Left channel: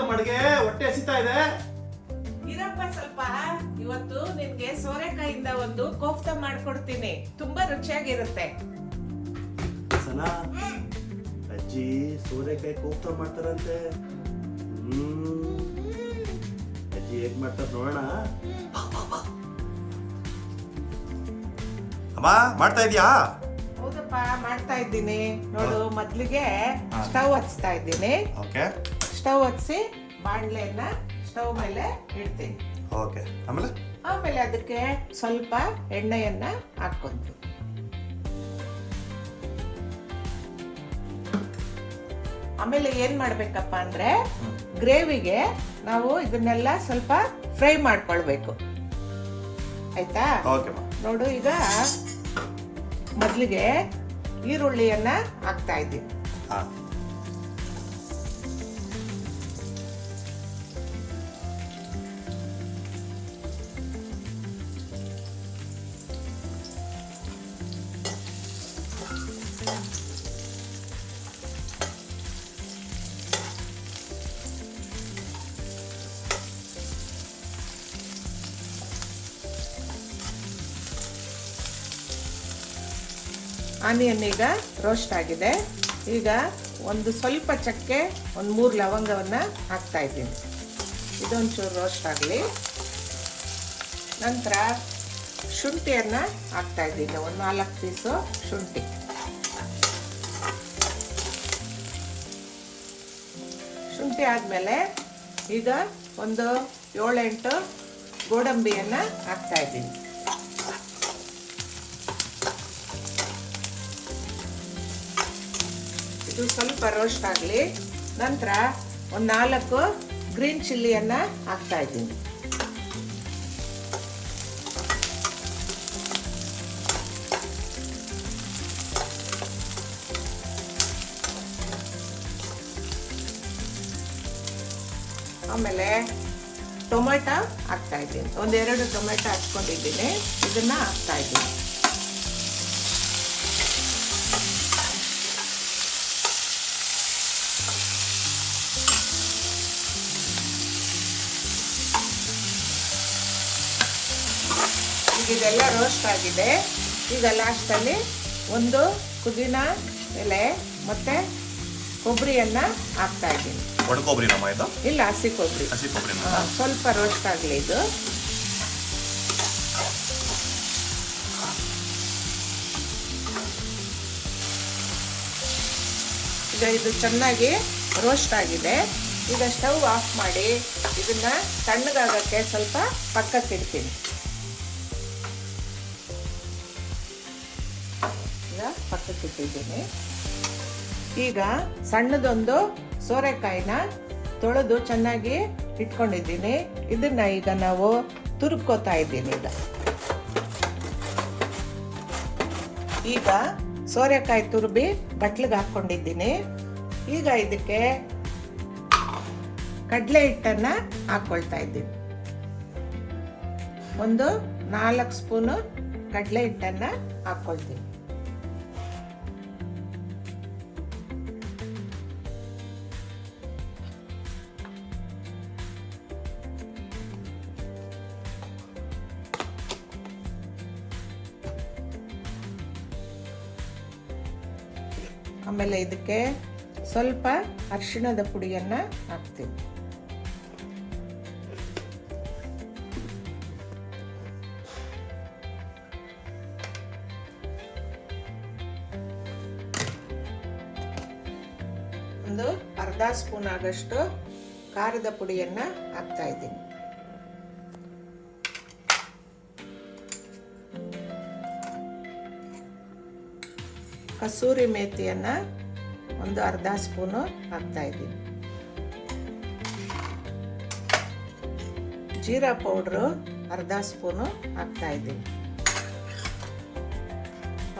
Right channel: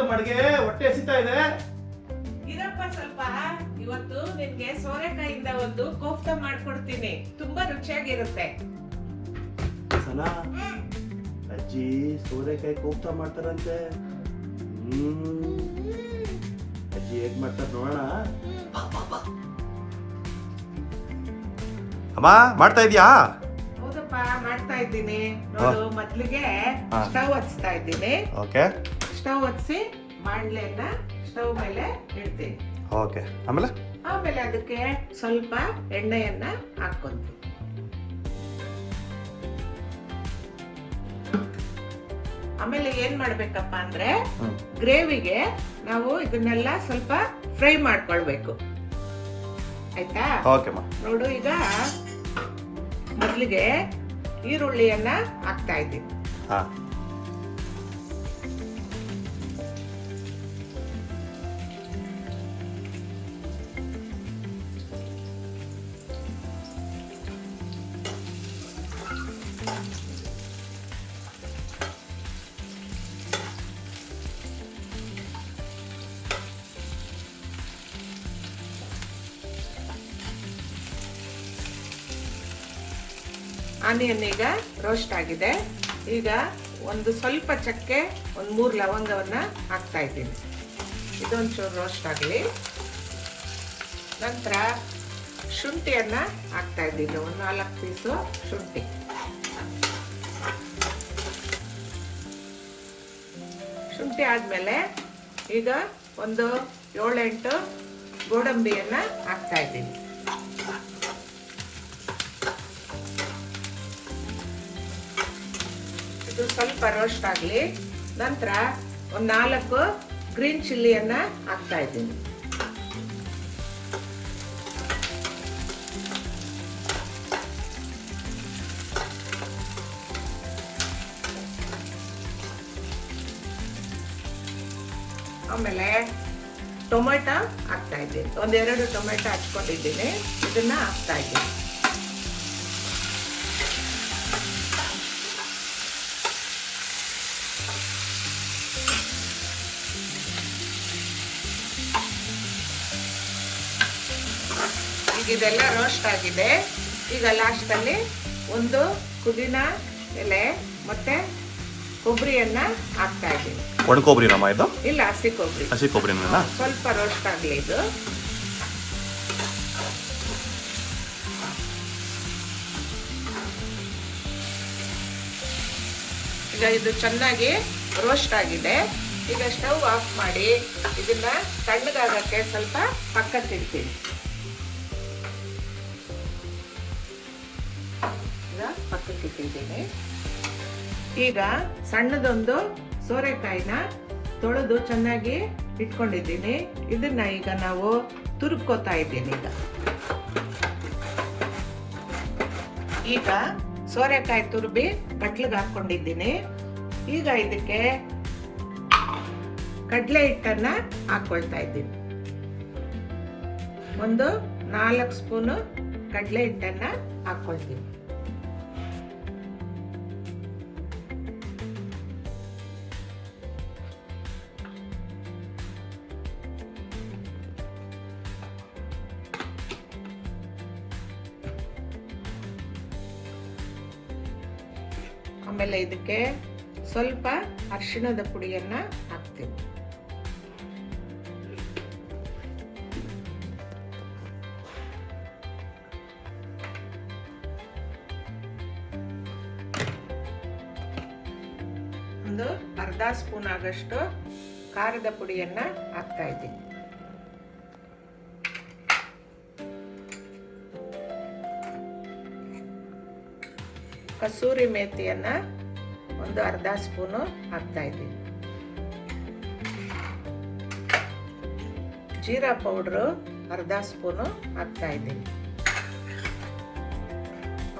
ಆಯ್ತು ಮಡ್ಗೆ, ಹೊಟ್ಟೆ ಹಸಿತಾ ಇದೆ. ಇರಪ್ಪ ಸ್ವಲ್ಪ. ಇವತ್ತು ನಿನ್ಗೆ ಸೋರೆಕಾಯಿಂದ ಒಂದು ಕೋಫ್ತಾ ಮಾಡ್ಕೊಡ್ತೀನಿ, ತುಂಬಾ ರುಚಿಯಾಗಿರುತ್ತೆ. ಸನಾ, ಅಜ್ಜಿ ಸೋರೆಕಾಯಿ ಕೋಫ್ತಾ ಮಾಡ್ತಾರಂತೆ. ಅಜ್ಜಿ ಹೇಗ್ ಮಾಡ್ತಾರ ನೋಡೋಣ. ಅಮ್ಮ ಮಾಡ್ತಾ ಇದೀಯಾ? ಹೌದಪ್ಪ, ಮಾಡ್ತಾ ಇದ್ದೀನಿ ನೋಡು. ಮೊದ್ಲಿಗೆ ಸ್ಟವ್ ಹಚ್ತಾ ಇದ್ದೀನಿ. ಓಕೆ. ಸ್ಟವ್ ಹಚ್ಚಿ ಬಾಣ್ಲೆಯನ್ನ ಸ್ಟವ್ ಮೇಲೆ ಇಡ್ತೀನಿ. ಓಕೆ. ಆಮೇಲೆ ಅದಕ್ಕೆ ಸ್ವಲ್ಪ ಎಣ್ಣೆಯನ್ನ ಹಾಕ್ಕೊಂತೀನಿ. ಆಮೇಲೆ ಏನ್ ಮಾಡ್ಬೇಕಪ್ಪ ಅಂದ್ರೆ ಗ್ರೇವಿಗೆ ನಾವು ಇದನ್ನೆಲ್ಲ ಸ್ವಲ್ಪ ಫ್ರೈ ಮಾಡ್ಕೊಳ್ಬೇಕು, ಆಯ್ತಾ? ಓಕೆ ಮಾ. ನೋಡು, ಈಗ ಮೊದ್ಲಿಗೆ ಈರುಳ್ಳಿಯನ್ನ ಹಾಕ್ತಾ ಇದ್ದೀನಿ. ಹಾ. ಆನಿಯನ್ ಈಗ ರೋಸ್ಟ್ ಆಗಿದೆ. ಈಗ ಒಂದು ಸ್ವಲ್ಪ ಚಕ್ಕೆ, ಒಂದು 3 ಲವಂಗವನ್ನ ಹಾಕ್ತಾ ಇದ್ದೀನಿ. ಇದೊಂಚೂರು ರೋಸ್ಟ್ ಆಗಲಿ. ನಂತರ ಶುಂಠಿಯನ್ನ ಹಾಕ್ತಾ ಇದ್ದೀನಿ, ಒಂದು 4 ಪೀಸು ಶುಂಠಿ. ಶುಂಠಿ ಆದಮೇಲೆ ಈಗ ಒಂದು 7-8 ಗೋಡಂಬಿಯನ್ನ ಹಾಕ್ತಾ ಇದ್ದೀನಿ. ಇದು ಸ್ವಲ್ಪ ರೋಸ್ಟ್ ಆಗಲಿ. ನಂತರ ಒಂದು 4 ಗ್ರೀನ್ ಚಿಲ್ಲಿಯನ್ನ ಹಾಕ್ತಾ ಇದ್ದೀನಿ. ಆಮೇಲೆ ಟೊಮೆಟೊ ಹಾಕ್ತಾ ಇದ್ದೀನಿ, 1-2 ಟೊಮೆಟೊ ಹಾಕ್ಕೊಂಡಿದ್ದೀನಿ. ಇದನ್ನ ಹಾಕ್ತಾ ಇದ್ದೀನಿ. ಇದೆಲ್ಲ ರೋಸ್ಟ್ ಆಗಿದೆ. ಈಗ ಲಾಸ್ಟಲ್ಲಿ ಒಂದು ಪುದೀನ ಎಲೆ ಮತ್ತೆ ಕೊಬ್ಬರಿಯನ್ನ ಹಾಕ್ತಾ ಇದ್ದೀನಿ. ಒಣ ಕೊಬ್ಬರಿನಮ್ಮ ಇದು? ಇಲ್ಲ, ಹಸಿ ಕೊಬ್ಬರಿ. ಹಸಿ ಕೊಬ್ಬರಿನ ಸ್ವಲ್ಪ ರೋಸ್ಟ್ ಆಗಲಿ ಇದು. ಈಗ ಇದು ಚೆನ್ನಾಗಿ ರೋಸ್ಟ್ ಆಗಿದೆ. ಈಗ ಸ್ಟವ್ ಆಫ್ ಮಾಡಿ ಇದನ್ನ ತಣ್ಣಗಾಗಕ್ಕೆ ಸ್ವಲ್ಪ ಪಕ್ಕಕ್ಕೆ ಇಡ್ತೀನಿ. ಪಕ್ಕಕ್ಕೆ ಇಟ್ಟಿದ್ದೀನಿ. ಈಗ ಸಣ್ಣದೊಂದು ಸೋರೆಕಾಯಿನ ತೊಳೆದು ಚೆನ್ನಾಗಿ ಇಟ್ಕೊಂಡಿದ್ದೀನಿ. ಇದನ್ನ ಈಗ ನಾವು ತುರ್ಕೋತಾ ಇದ್ದೀನಿ. ಈಗ ಸೋರೆಕಾಯಿ ತುರ್ಬಿ ಬಟ್ಲಿಗೆ ಹಾಕೊಂಡಿದ್ದೀನಿ. ಈಗ ಇದಕ್ಕೆ ಕಡಲೆ ಹಿಟ್ಟನ್ನ ಹಾಕೊಳ್ತಾ ಇದ್ದೀನಿ. ಒಂದು 4 ಸ್ಪೂನು ಕಡಲೆ ಹಿಟ್ಟನ್ನ ಹಾಕೊಳ್ತೀನಿ. ಆಮೇಲೆ ಇದಕ್ಕೆ ಸ್ವಲ್ಪ ಅರಿಶಿಣದ ಪುಡಿಯನ್ನ ಹಾಕ್ತೀವಿ. ಒಂದು ಅರ್ಧ ಸ್ಪೂನ್ ಆಗಷ್ಟು ಖಾರದ ಪುಡಿಯನ್ನ ಹಾಕ್ತಾ ಇದ್ದೀನಿ. ಕಸೂರಿ ಮೇಥಿಯನ್ನ ಒಂದು ಅರ್ಧ ಸ್ಪೂನು ಹಾಕ್ತಾ ಇದ್ದೀನಿ. ಜೀರಾ ಪೌಡ್ರು ಅರ್ಧ ಸ್ಪೂನು ಹಾಕ್ತಾ ಇದ್ದೀನಿ.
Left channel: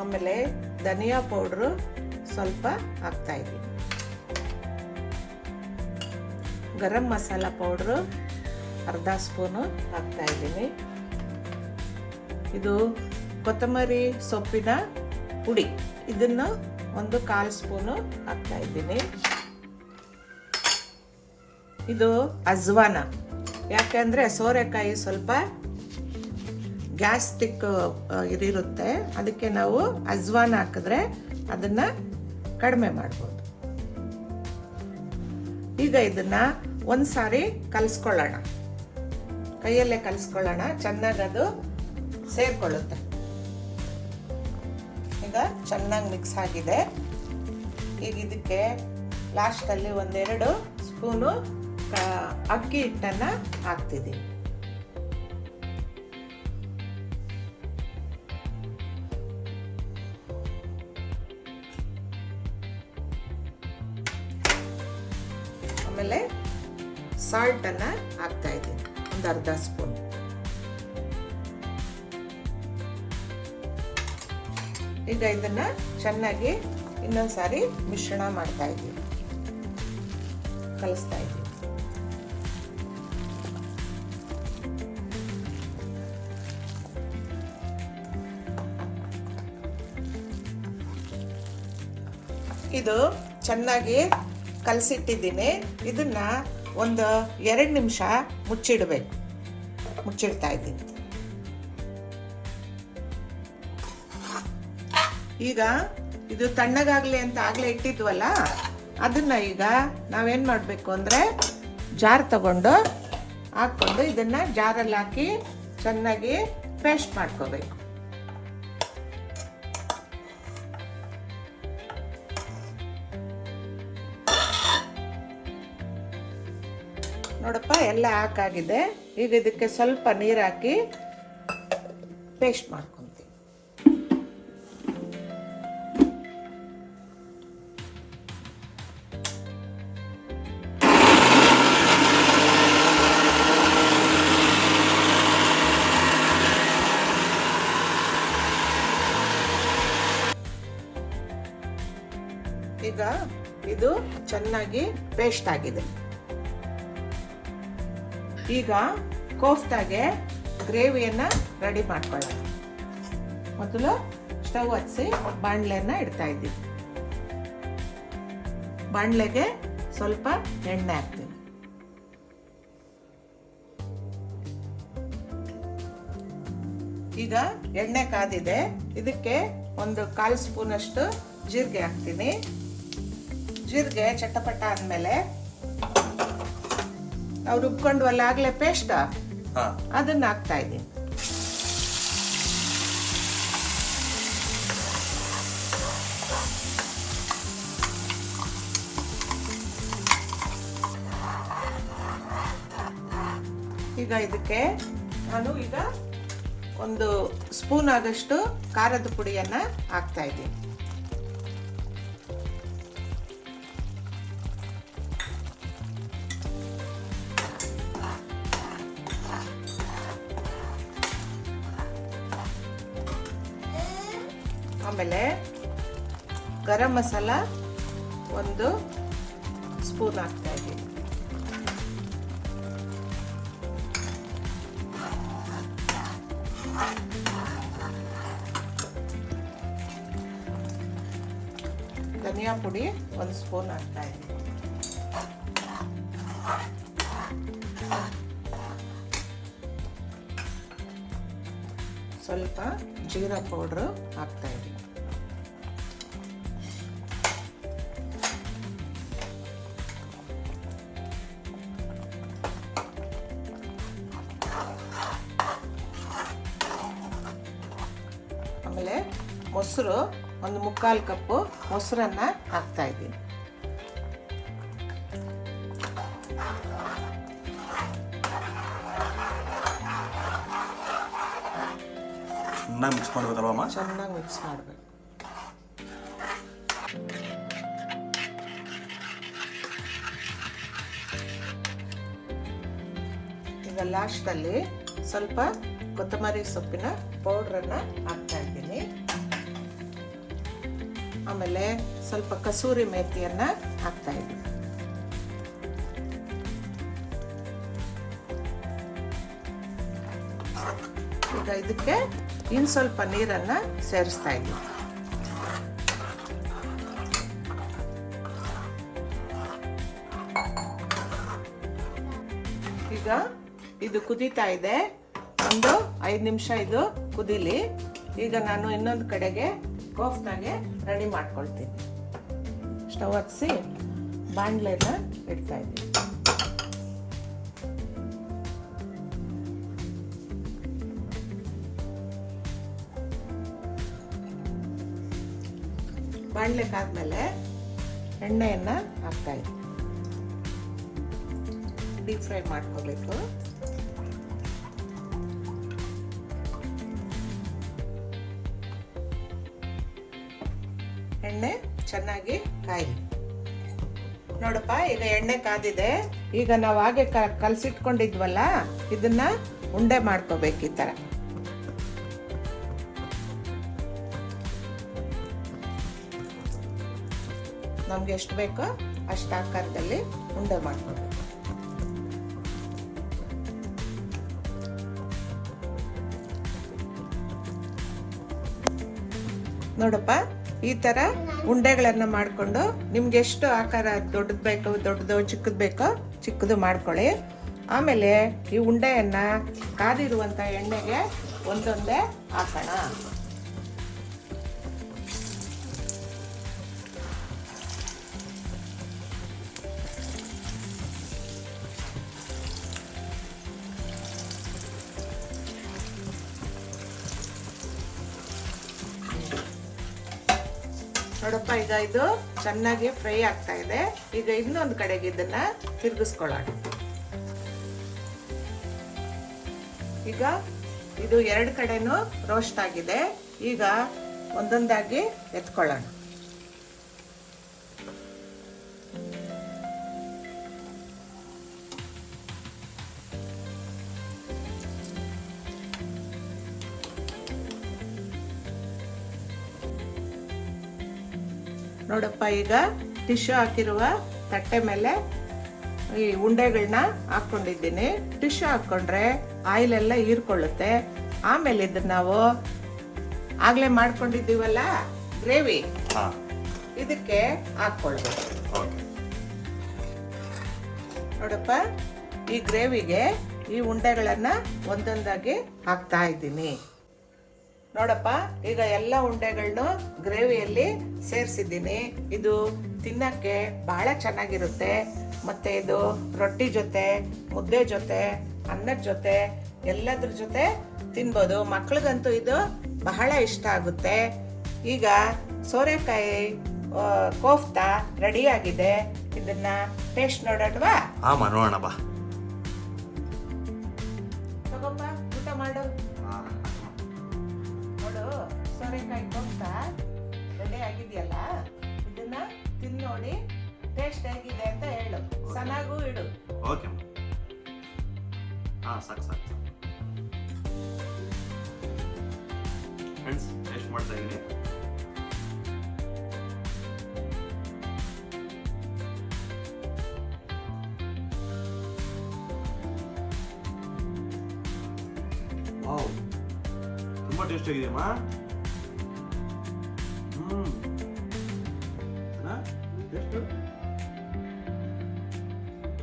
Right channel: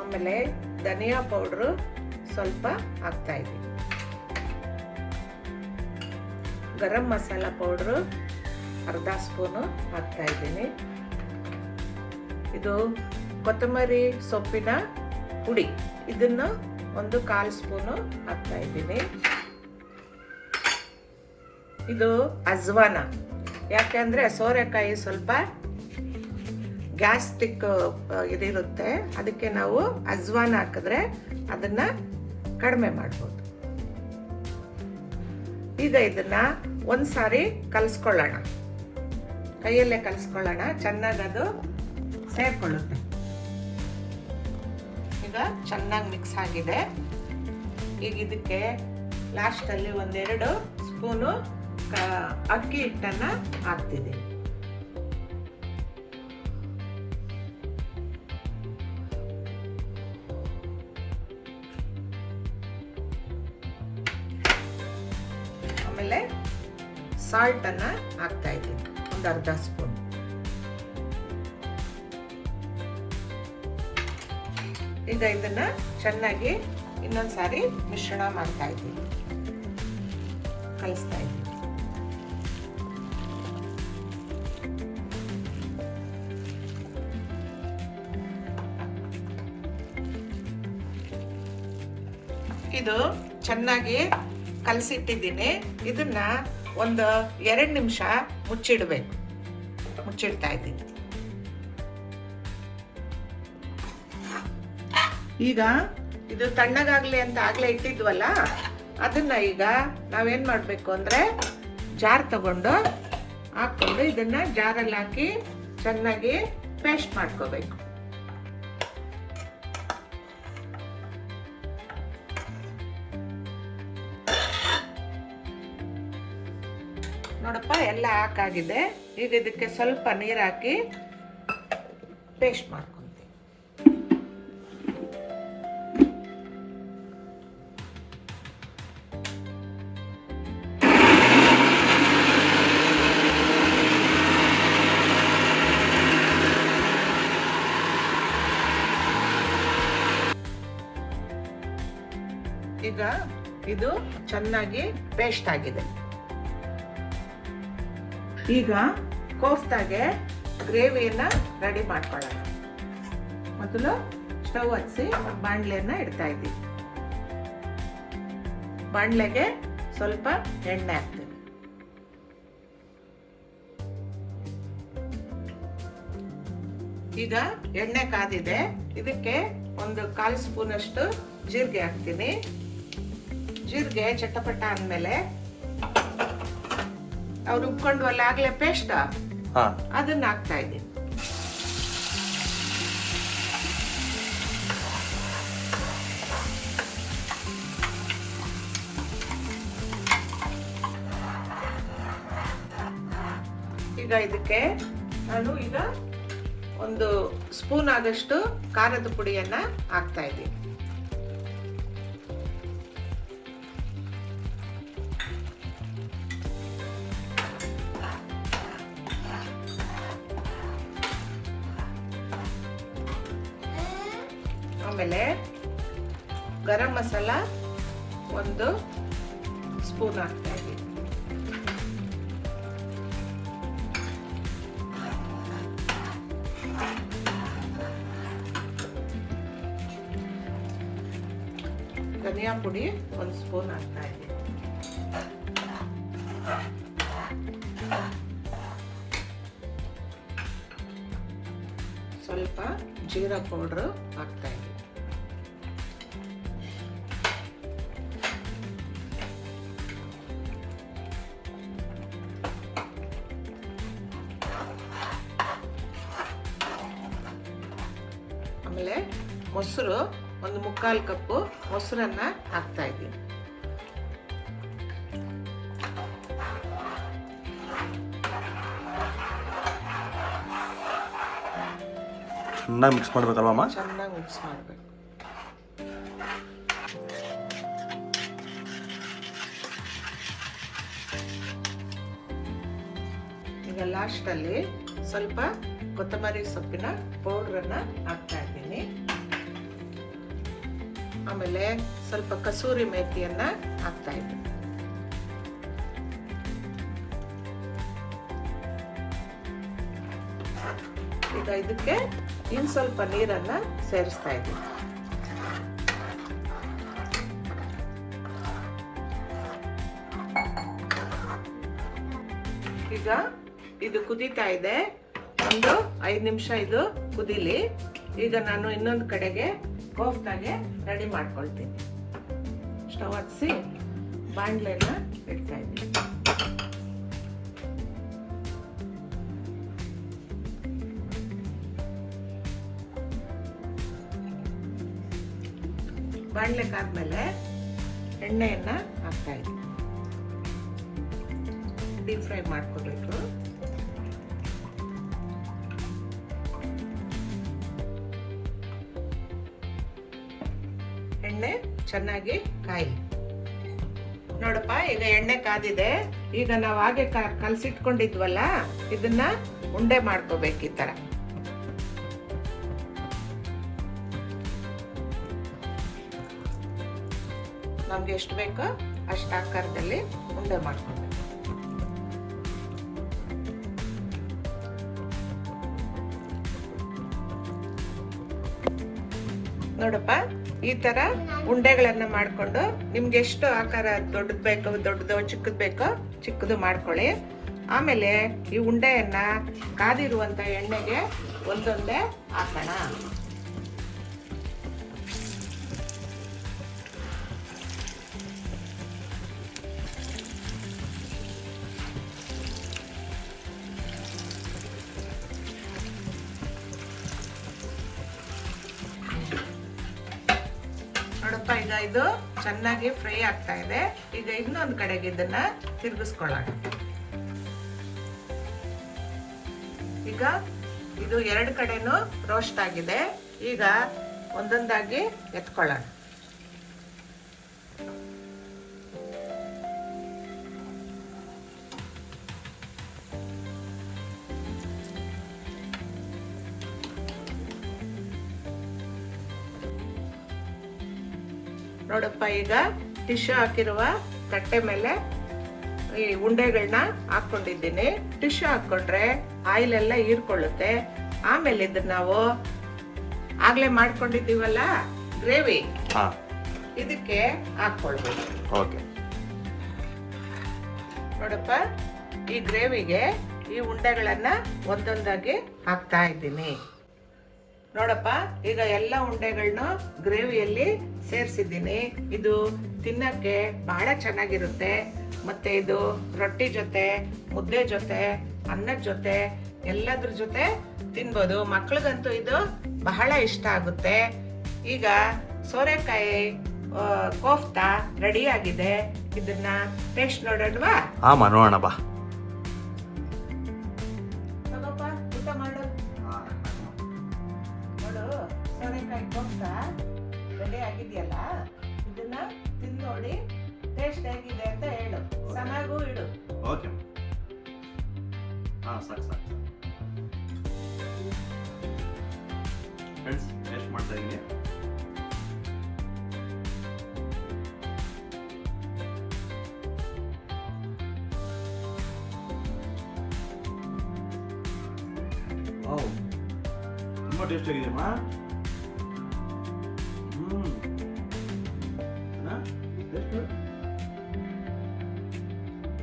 ಆಮೇಲೆ ಧನಿಯಾ ಪೌಡ್ರು ಸ್ವಲ್ಪ ಹಾಕ್ತಾ ಇದ್ದೀನಿ. ಗರಂ ಮಸಾಲ ಪೌಡ್ರು ಅರ್ಧ ಸ್ಪೂನು ಹಾಕ್ತಾ ಇದ್ದೀನಿ. ಇದು ಕೊತ್ತಂಬರಿ ಸೊಪ್ಪಿನ ಪುಡಿ, ಇದನ್ನು ಒಂದು 1/4 ಸ್ಪೂನು ಹಾಕ್ತಾ ಇದ್ದೀನಿ. ಇದು ಅಜ್ವಾನ. ಯಾಕೆಂದರೆ ಸೋರೆಕಾಯಿ ಸ್ವಲ್ಪ ಗ್ಯಾಸ್ಟ್ರಿಕ್ ಇದಿರುತ್ತೆ, ಅದಕ್ಕೆ ನಾವು ಅಜ್ವಾನ ಹಾಕಿದ್ರೆ ಅದನ್ನು ಕಡಿಮೆ ಮಾಡ್ಬೋದು. ಈಗ ಇದನ್ನು ಒಂದು ಸಾರಿ ಕಲಿಸ್ಕೊಳ್ಳೋಣ, ಕೈಯಲ್ಲೇ ಕಲಿಸ್ಕೊಳ್ಳೋಣ, ಚೆನ್ನಾಗಿ ಅದು ಸೇರಿಕೊಳ್ಳುತ್ತೆ. ಈಗ ಚೆನ್ನಾಗಿ ಮಿಕ್ಸ್ ಆಗಿದೆ. ಈಗ ಇದಕ್ಕೆ ಲಾಸ್ಟಲ್ಲಿ 1-2 ಸ್ಪೂನು ಅಕ್ಕಿ ಹಿಟ್ಟನ್ನು ಹಾಕ್ತಿದ್ದೀನಿ. ಆಮೇಲೆ ಸಾಲ್ಟನ್ನು ಹಾಕ್ತಾ ಇದ್ದೀನಿ, ಒಂದು ಅರ್ಧ ಸ್ಪೂನ್. ಈಗ ಇದನ್ನ ಚೆನ್ನಾಗಿ ಇನ್ನೊಂದ್ಸಾರಿ ಮಿಶ್ರಣ ಮಾಡ್ತಾ ಇದ್ದೀನಿ, ಕಲಿಸ್ತಾ ಇದ್ದೀನಿ. ಇದು ಚೆನ್ನಾಗಿ ಕಲಸಿಟ್ಟಿದ್ದೀನಿ. ಇದನ್ನ ಒಂದು 2 ನಿಮಿಷ ಮುಚ್ಚಿಡ್ಬೇಕು. ಮುಚ್ಚಿಡ್ತಾ ಇದ್ದೀನಿ. ಈಗ ಇದು ತಣ್ಣಗಾಗ್ಲಿ ಅಂತ ಆಗ್ಲೇ ಇಟ್ಟಿದ್ವಲ್ಲ, ಅದನ್ನ ಈಗ ನಾವೇನ್ ಮಾಡಬೇಕು ಅಂದ್ರೆ ಜಾರ್ ತಗೊಂಡು ಹಾಕೊಂಡು ಇದನ್ನ ಜಾರಲ್ಲಿ ಹಾಕಿ ಚೆನ್ನಾಗಿ ಪೇಸ್ಟ್ ಮಾಡ್ಕೋಬೇಕು. ನೋಡಪ್ಪ, ಎಲ್ಲ ಹಾಕಾಗಿದೆ. ಈಗ ಇದಕ್ಕೆ ಸ್ವಲ್ಪ ನೀರು ಹಾಕಿ ಪೇಸ್ಟ್ ಮಾಡ್ಕೊಂತೀವಿ. ಈಗ ಇದು ಚೆನ್ನಾಗಿ ಪೇಸ್ಟ್ ಆಗಿದೆ. ಈಗ ಕೋಫ್ತಾಗೆ ಗ್ರೇವಿಯನ್ನ ರೆಡಿ ಮಾಡ್ಕೊಳ್ಳೋಣ. ಮೊದಲು ಸ್ಟವ್ ಹಚ್ಚಿ ಬಾಣಲೆಯನ್ನ ಇಡ್ತಾ ಇದ್ದೀವಿ. ಬಾಣಲೆಗೆ ಸ್ವಲ್ಪ ಎಣ್ಣೆ ಹಾಕ್ತೀನಿ. ಈಗ ಎಣ್ಣೆ ಕಾದಿದೆ. ಇದಕ್ಕೆ ಒಂದು 1/4 ಸ್ಪೂನ್ ಅಷ್ಟು ಜೀರಿಗೆ ಹಾಕ್ತೀನಿ. ಜೀರಿಗೆ ಚಟಪಟ ಅಂದಮೇಲೆ ನಾವು ರುಬ್ಕೊಂಡ್ವಲ್ಲ ಆಗ್ಲೇ ಪೇಸ್ಟ್, ಅದನ್ನ ಹಾಕ್ತಾ ಇದ್ದೀನಿ. ಈಗ ಇದಕ್ಕೆ ನಾನು ಈಗ 1 ಸ್ಪೂನ್ ಆಗಷ್ಟು ಖಾರದ ಪುಡಿಯನ್ನ ಹಾಕ್ತಾ ಇದ್ದೀನಿ. ಆಮೇಲೆ ಗರಂ ಮಸಾಲ 1 ಸ್ಪೂನ್ ಹಾಕ್ತಾ ಇದ್ದೀನಿ. ಧನಿಯಾ ಪುಡಿ 1 ಸ್ಪೂನ್ ಹಾಕ್ತಾ ಇದ್ದೀನಿ. ಸ್ವಲ್ಪ ಜೀರಾ ಪೌಡ್ರು ಹಾಕ್ತಾ ಇದ್ದೀನಿ. ಆಮೇಲೆ ಮೊಸರು 1 ಮುಕ್ಕಾಲು ಕಪ್ಪು ಮೊಸರನ್ನ ಹಾಕ್ತಾ ಇದ್ದೀನಿ. ಚೆನ್ನಾಗಿ ಮಿಕ್ಸ್ ಮಾಡ್ಬೇಕಲ್ವಮ್ಮ? ಚೆನ್ನಾಗಿ ಮಿಕ್ಸ್ ಮಾಡಬೇಕು. ಈಗ ಲಾಸ್ಟಲ್ಲಿ ಸ್ವಲ್ಪ ಕೊತ್ತಂಬರಿ ಸೊಪ್ಪಿನ ಪೌಡ್ರನ್ನ ಹಾಕ್ತಾ ಇದ್ದೀನಿ. ಆಮೇಲೆ ಸ್ವಲ್ಪ ಕಸೂರಿ ಮೇಥಿಯನ್ನ ಹಾಕ್ತಾ ಇದ್ದೀನಿ. ಈಗ ಇದಕ್ಕೆ ಇನ್ನು ಸ್ವಲ್ಪ ನೀರನ್ನ ಸೇರಿಸ್ತಾ ಇದ್ದೀನಿ. ಈಗ ಇದು ಕುದೀತಾ ಇದೆ, ಒಂದು 5 ನಿಮಿಷ ಇದು ಕುದೀಲಿ. ಈಗ ನಾನು ಇನ್ನೊಂದು ಕಡೆಗೆ ಕೋಫ್ತಾಗೆ ರೆಡಿ ಮಾಡ್ಕೊಳ್ತೀನಿ. ಸ್ಟವ್ ಹಚ್ಚಿ ಬಾಣಲೆನ ಇಡ್ತಾ ಇದ್ದೀನಿ. ಬಾಣಲೆಗಾದ್ಮೇಲೆ ಎಣ್ಣೆಯನ್ನ ಹಾಕ್ತಾ ಇದ್ದೀನಿ. ಡೀಪ್ ಫ್ರೈ ಮಾಡ್ಕೋಬೇಕು. ಎಣ್ಣೆ ಚೆನ್ನಾಗಿ ಕಾಯಿ. ನೋಡಪ್ಪ, ಈಗ ಎಣ್ಣೆ ಕಾದಿದೆ. ಈಗ ನಾವು ಹಾಗೆ ಕಲಸಿಟ್ಕೊಂಡಿದ್ವಲ್ಲ, ಇದನ್ನ ಉಂಡೆ ಮಾಡ್ಕೋಬೇಕು ಈ ತರ. ನಮ್ಗೆ ಎಷ್ಟು ಬೇಕೋ ಅಷ್ಟು ಆಕಾರದಲ್ಲಿ ಉಂಡೆ ಮಾಡ್ಕೊಬೇಕು. ನೋಡಪ್ಪ, ಈ ತರ ಉಂಡೆಗಳನ್ನ ಮಾಡ್ಕೊಂಡು ನಿಮ್ಗೆ ಎಷ್ಟು ಆಕಾರ ದೊಡ್ಡದು ಬೇಕು ದೊಡ್ಡದು, ಚಿಕ್ಕದು ಬೇಕೋ ಚಿಕ್ಕದು ಮಾಡ್ಕೊಳ್ಳಿ. ಆಮೇಲೆ ಈ ಉಂಡೆಯನ್ನ ಕಾದಿರುವಂತ ಎಣ್ಣೆಗೆ ಒಂದೊಂದೇ ಹಾಕೋಣ. ನೋಡಪ್ಪ, ಈಗ ಇದು ಚೆನ್ನಾಗಿ ಫ್ರೈ ಆಗ್ತಾ ಇದೆ. ಈಗ ಇನ್ನೊಂದು ಕಡೆಗೆ ಇದನ್ನ ತಿರುಗಿಸ್ಕೊಳ್ಳೋಣ. ಈಗ ಇದು 2 ಕಡೆನೂ ರೋಸ್ಟ್ ಆಗಿದೆ. ಈಗ ಒಂದೊಂದಾಗಿ ಎತ್ಕೊಳ್ಳೋಣ. ನೋಡಪ್ಪ, ಈಗ ಟಿಶ್ಯೂ ಹಾಕಿರುವ ತಟ್ಟೆ ಮೇಲೆ ಈ ಉಂಡೆಗಳನ್ನ ಹಾಕೊಂಡಿದ್ದೀನಿ. ಟಿಶ್ಯೂ ಹಾಕೊಂಡ್ರೆ ಆಯಿಲ್ ಎಲ್ಲ ಹೀರ್ಕೊಳ್ಳುತ್ತೆ. ಆಮೇಲೆ ಇದನ್ನ ನಾವು ಆಗ್ಲೇ ಮಾಡ್ಕೊಂಡಿದ್ದೀವಲ್ಲ ಗ್ರೇವಿ, ಇದಕ್ಕೆ ಹಾಕೊಳ್ಬೇಕು. ನೋಡಪ್ಪ, ಈ ಗ್ರೇವಿಗೆ ಈ ಉಂಡೆಗಳನ್ನ ಒಂದೊಂದಾಗಿ ಹಾಕ್ತಾ ಇದ್ದೀನಿ. ನೋಡಪ್ಪ, ಈಗ ಎಲ್ಲ ಉಂಡೆಗಳನ್ನು ಗ್ರೇವಿಯಲ್ಲಿ ಸೇರಿಸಿದ್ದೀನಿ. ಇದು ತಿನ್ನಕ್ಕೆ ಬಹಳ ಚೆನ್ನಾಗಿರುತ್ತೆ. ಮತ್ತೆ ಇದು ರೊಟ್ಟಿ ಜೊತೆ, ಮುದ್ದೆ ಜೊತೆ, ಅನ್ನದ ಜೊತೆ, ಎಲ್ಲದ್ರ ಜೊತೆ ತಿನ್ಬೋದು. ಮಕ್ಳಿಗಂತೂ ಇದು ಬಹಳ ಇಷ್ಟ ಆಗುತ್ತೆ. ಈಗ ಸೋರೆಕಾಯಿ ಕೋಫ್ತಾ ರೆಡಿ ಆಗಿದೆ. ಇದನ್ನ ಟೇಸ್ಟ್ ನೋಡೋಣವಾ? ನೋಡೋಣ ಬಾ. ತಗೋಪ್ಪ, ಊಟ ಮಾಡು. ನೋಡು, ಸೋರೆಕಾಯಿ ಕೋಫ್ತಾ ರೆಡಿ ಆಗಿದೆಯಲ್ಲ, ಇದನ್ನ ತಿಂದು ನೋಡಿ ಟೇಸ್ಟ್ ಹೇಗಿದೆ ಅಂತ ಹೇಳು. ಚೆನ್ನಾಗೂ ಇಡು. ಓಕೆ. ಸಾಕು ಫ್ರೆಂಡ್ಸ್, ಟೇಸ್ಟ್ ಮಾಡ್ತಾ ಇದ್ದೀನಿ. ತುಂಬಾ ಟೇಸ್ಟ್ ಆಗಿದೆಯಮ್ಮ.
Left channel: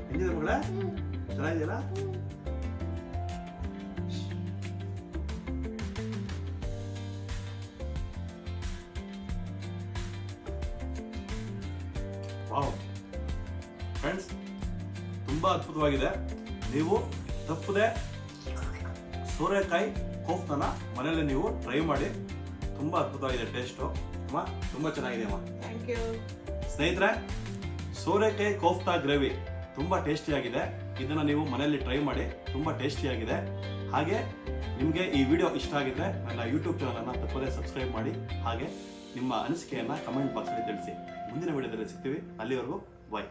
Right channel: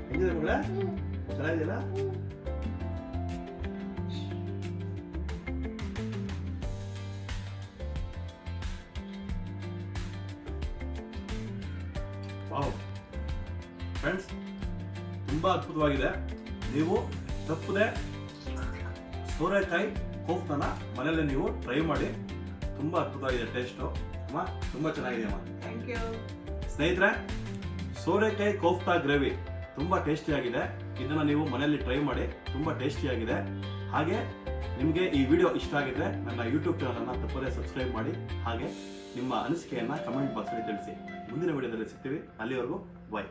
ಹೆಂಗಿದೆ ಮಗಳ? ಚೆನ್ನಾಗಿದೆಯಲ್ಲ? ಫ್ರೆಂಡ್ಸ್, ತುಂಬಾ ಅದ್ಭುತವಾಗಿದೆ. ನೀವು ತಪ್ಪದೆ ಸೋರೆಕಾಯಿ ಕೋಫ್ತಾನ ಮನೆಯಲ್ಲೇ ನೀವು ಟ್ರೈ ಮಾಡಿ. ತುಂಬಾ ಅದ್ಭುತವಾಗಿದೆ ಟೇಸ್ಟು. ಅಮ್ಮ, ತುಂಬಾ ಚೆನ್ನಾಗಿದೆ ಅಮ್ಮ. Thank you. ಸ್ನೇಹಿತರೆ, ಸೋರೆಕಾಯಿ ಕೋಫ್ತಾ ಗ್ರೇವಿ ತುಂಬಾ ಟೇಸ್ಟಿಯಾಗಿದೆ. ಇದನ್ನ ನೀವು ಮನೆಯಲ್ಲಿ ಟ್ರೈ ಮಾಡಿ. ತುಂಬಾ ಟೇಸ್ಟಿಯಾಗಿದೆ. ಹಾಗೆ ನಿಮಗೆ ಈ ವಿಡಿಯೋ ಇಷ್ಟ ಆಗಿದ್ರೆ ನನ್ನ ಯೂಟ್ಯೂಬ್ ಚಾನಲನ್ನು ತಪ್ಪದೇ ಸಬ್ಸ್ಕ್ರೈಬ್ ಮಾಡಿ. ಹಾಗೆ ನಿಮ್ಮ ಅನಿಸಿಕೆಯನ್ನು ಕಮೆಂಟ್ ಬಾಕ್ಸಲ್ಲಿ ತಿಳಿಸಿ. ಮುಂದಿನ ವಿಡಿಯೋದಲ್ಲಿ ಸಿಗ್ತೀವಿ. ಅಲ್ಲಿವರೆಗೂ ಬಾಯ್.